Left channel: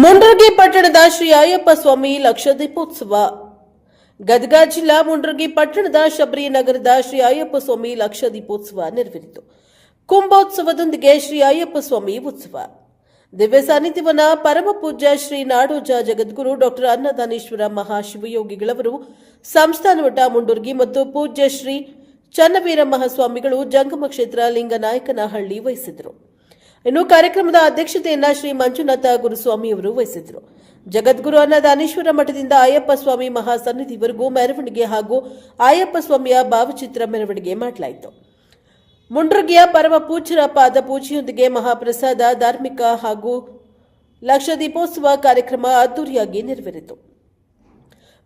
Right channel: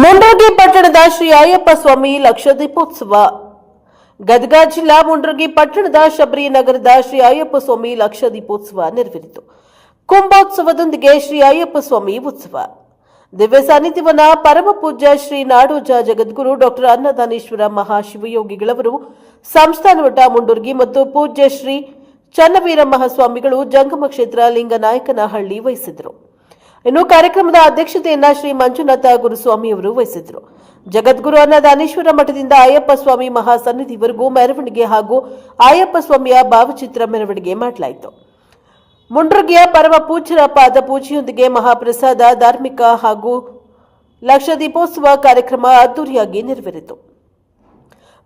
ಮುಂಡ್ರಗಿ ಪಟ್ಟಣದ ಶ್ರೀ ಅಯ್ಯಪ್ಪ ಸ್ವಾಮಿ ಲಕ್ಷ ದೀಪೋತ್ಸವ. ಗದಗ ಜಿಲ್ಲಾ ಮುಂಡ್ರಗಿ ಪಟ್ಟಣದ ಶಬರಿ ನಗರದ ಶ್ರೀ ಅಯ್ಯಪ್ಪ ಸ್ವಾಮಿ ಲಕ್ಷ ದೀಪೋತ್ಸವ ನೆರವೇರಿತು. ಕುಂಭೋತ್ಸವದೊಂದಿಗೆ ಶ್ರೀ ಅಯ್ಯಪ್ಪ ಸ್ವಾಮಿ ಉತ್ಸವ. ದಿವ್ಯ ಸಾನ್ನಿಧ್ಯವನ್ನ ಪರಮ ಪೂಜ್ಯ ಶ್ರೀ ನಾಡೋಜ ಜಗದ್ಗುರು ಡಾಕ್ಟರ್ ಅನ್ನದಾನೇಶ್ವರ ಮಹಾಶಿವಯೋಗಿಗಳವರು ಸಂಸ್ಥಾನಮಠ ಮುಂಡರ್ಗಿ ಮತ್ತು ಪೂಜ್ಯ ಶ್ರೀ ಚನ್ನವೀರ ಮಹಾಸ್ವಾಮಿಗಳು ಜಂಗಮ ಕ್ಷೇತ್ರ ಲಿಂಗನಾಯಕನಹಳ್ಳಿ ವಹಿಸಿದರು. ಇನ್ನು ಕಾರ್ಯಕ್ರಮದ ಅಧ್ಯಕ್ಷತೆಯನ್ನ ಶ್ರೀ ಮಂಜುನಾಥ ಗುರುಸ್ವಾಮಿಯವರು ವಹಿಸಿದರು. ಜಗದ್ಗುರು ಅನ್ನದಾನೇಶ್ವರ ಮಠದಿಂದ ಅಯ್ಯಪ್ಪ ಸ್ವಾಮಿ ಮಹಾಸನ್ನಿಧಿವರೆಗೂ ಮೆರವಣಿಗೆ ಹಾಗೂ ಅಯ್ಯಪ್ಪ ಸ್ವಾಮಿಯ ಭಾವಚಿತ್ರ ಮೆರವಣಿಗೆ ಮಾಡಲಾಯಿತು. ಮುಂಡ್ರಗಿಯ ಪರಮ ಪೂಜ್ಯರ ಪಾದ ಪೂಜೆಯೊಂದಿಗೆ ಮಹಾಪ್ರಸಾದ, ಧಾರ್ಮಿಕ ಹಾಗೂ ಲಕ್ಷ ದೀಪೋತ್ಸವ ಕಾರ್ಯಕ್ರಮ ಅದ್ದೂರಿಯಾಗಿ ನೆರವೇರಿತು.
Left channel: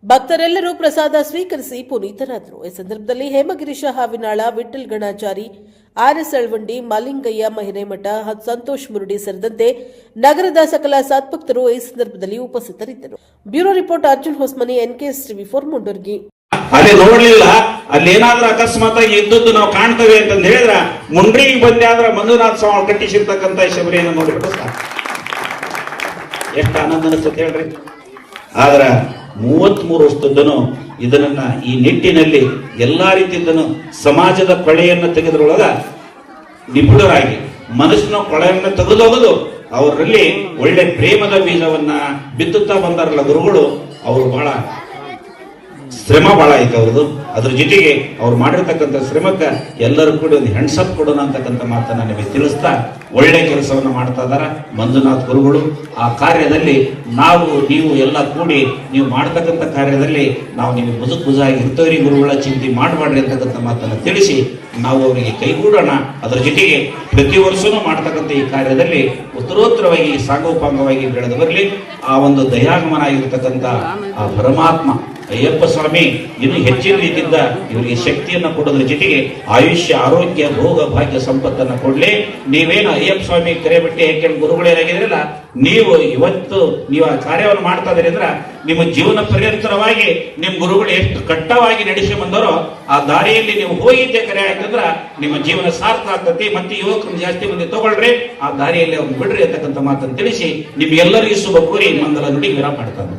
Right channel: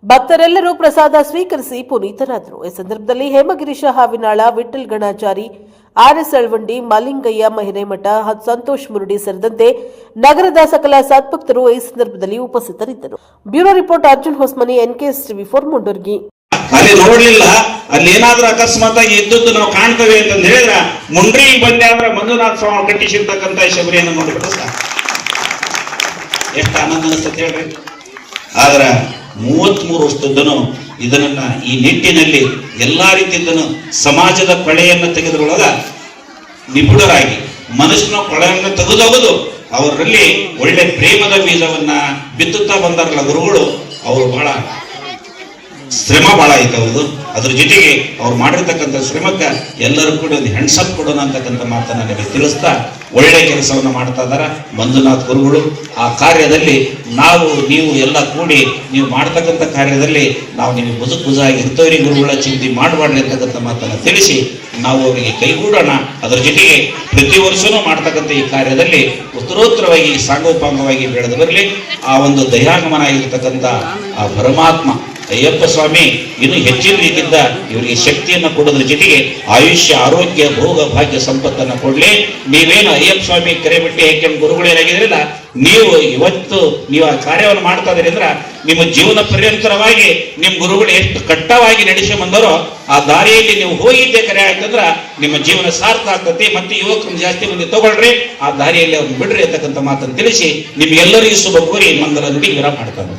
ಭಕ್ತರೆಲ್ಲರೂ ಪ್ರಸಾದ ಸ್ವೀಕರಿಸಿ ಪುನೀತರಾದರು. ಈ ಸಂದರ್ಭದಲ್ಲಿ ಹೇಮಗಿರೀಶ ಹಾವಿನಾಳ, ವಿಠಲ್ ಗಣಾಚಾರಿ, ಆರ್ಎಸ್ ಅಳವಂಡಿ, ಮಾಲಿಂಗಯ್ಯ ಮಹಿರೇಮಠ, ಸಂತೋಷ್ ಮುರುಡಿ ಸೇರಿದಂತೆ ನಗರದ ಸಕಲ ಸದ್ಭಕ್ತರು ಈ ಸಂದರ್ಭದಲ್ಲಿ ಉಪಸ್ಥಿತರಿದ್ದರು. Bureau report Arjun Hosmani, NKS TV4 Mundargi. ಅಲ್ಲಿ ನೋಡ್ಲಿಲ್ಲ, ಅಲ್ಲಿ ಏನಾದ್ರೂ ಅಕಸ್ಮಾತ್ ಆಗಿ ಇದ್ದದ್ದು ನಾವು ಕಾಣ್ತೇವೆ ಅಂತ ಹೇಳಿದ್ರ ಮುಂಡ್ರಿಗೆ ಬಂದಾದ್ರೆ ಮಂಜುನಾಥ ಸ್ವಾಮಿ ಕಟ್ಟಿಸಿರ್ತಕ್ಕಂಥ ಶಬರಿಯನ್ನು ನೋಡ್ಬೇಕು. ಎಷ್ಟು ಆನಂದ ಅನಿಸ್ತದೆ ಹೇಳ್ರಿ. ಆದ್ರ 33 ವರ್ಷದನು ಇದನ್ನ ಈ ನಿಟ್ಟಿನಲ್ಲಿ ಎಲ್ಲಾ ರೀತಿಯದನ್ನು ಸಮಾಜದ ಕಳೆಯನ್ನು ತೆಗೆದುಕೊಳ್ಳದ ನಿಪುಣರಾಗಿ ಮನುಷ್ಯನ ಕಳೆಯನ್ನು ತೆಗೆದೋಗದು ಅವರಲ್ಲಿ ಒಳ್ಳೆ ಪ್ರೇಮದ ಬೀಜವನ್ನ ಬಿತ್ತುತ್ತಾ ಬಂದಾರಲ್ಲ ಗುರುಗಳು. ಅವರು ಬಹಳ ಶ್ರಮ ಬಹಳ ಐತೆ ಅವ್ರದ್ದು. ಅದ್ರ ಜೊತೆಗೆ ಅವ್ರು ಮಾಡಿರ್ತಕ್ಕಂಥ ಶ್ರಮಕ್ಕೆ ಎಲ್ಲರೂ ಕೂಡ ಒಂದು ಹೆಣ್ಸಪ್ ಕೊಡೋಣ ಅಂತಕ್ಕಂಥ ಮಾತನ್ನ ನನಗೆ ತಿಳಿಸ್ತಾ ಒಳ್ಳೆ ಕೆಲಸವನ್ನು ಮಾಡ್ತಾ ಇದಾರ ಮಂಜುನಾಥ್ ಗುರುಗಳು. ಆ ಕಾರ್ಯದಲ್ಲಿ ನೀವು ಎಲ್ಲ ಕೂಡಿ ನೀವು ಮಾಡ್ತಕ್ಕಂಥ ಕಾರ್ಯದಲ್ಲಿ ನಾವು ನಿಮಗೆ ಬುಜಾಗಿ ಇರ್ತವ್ರಿ ಗುರುಗಳ ಚಿಂತೆ ಮಾಡಬಾರ್ರಿ ಅಂತಕ್ಕಂಥ ಮಾತನ್ನು ತಿಳಿಸಿ ನಾವು ಅವರಿಗೆ ಕೈಗೂಡೋಣ. ಅದರ ಜೊತೆಗೆ ಪ್ರತಿ ವರ್ಷನೂ ಮಾಡ್ತಕ್ಕಂಥ ಈ ಕಾರ್ಯದಲ್ಲಿ ಉತ್ತರೋತ್ತರವಾಗಿ ಸಾಂಗೋಪಾಂಗವಾಗಿ ಬೆಳೆದು ಬರಲಿ. ಆ ಒಂದು ದಯಾಗಮನ ಆಗಿರ್ತಕ್ಕಂಥ ಆ ಪರಮಾತ್ಮ ಅಯ್ಯಪ್ಪ ಸ್ವಾಮಿ ಇನ್ನು ಹೆಚ್ಚಿನ ರೀತಿಯಿಂದ ಇವರಿಗೆ ಶಕ್ತಿಯನ್ನು ಕೊಡೋದ್ರ ಜೊತೆಗೆ ಆಯುಷ್ಯ, ಆರೋಗ್ಯ, ಭೋಗ, ಭಾಗ್ಯ, ಸಂಪತ್ತನ್ನು ಕೊಡ್ಲಿ. ನೀವೇನು ಅಯ್ಯಪ್ಪ ಸ್ವಾಮಿ ಕರೆ ಬಿಟ್ಟು ಯಾಕೆಂದು ಗುರುಗಳೇನಾಗಿದ್ರಲ್ಲ, ನೀವು ಇವತ್ತು ನೀವು ಆ ಕಾರ್ಯವನ್ನು ಮಾಡ್ತಾ ಇದ್ರಿ ಅಂದ್ರೆ ನಿಮ್ಮ ಜೀವನ ಪರ್ಯಂತರವಾಗಿ ನಿಮ್ಮ ಗುರುಗಳು ಎಷ್ಟು ಕಟ್ಟವಾಗಿ ನಡೆಸಿ ಬಂದರೋ ಆ ದಾರಿಯಲ್ಲಿ ನೀವು ಹೋಗಿದ್ದೆ ಕರೆ ಅಂತಂದ್ರ ನಿಮ್ಮ ಜೀವನ ಸಾರ್ಥ ಆಗ್ತತಿ. ಮತ್ತೆ ಯುವಕರು ಜಾಸ್ತಿ ಮಂದಿ ತಗೊಳ್ರಿ, ಆ ದಾರಿಯಲ್ಲಿ ಅವ್ರನ್ನ ಬಿಡ್ರಿ ಅಂತಕ್ಕಂಥ ಮಾತನ್ನು ತಿಳಿಸಿ ನಿಮ್ಗೆಲ್ಲರಿಗೂ ಶುಭ ಕೋರಿ ನಮ್ಮದರಲ್ಲಿ ವಿರಾಮ ಮಾಡ್ತಾರೆ.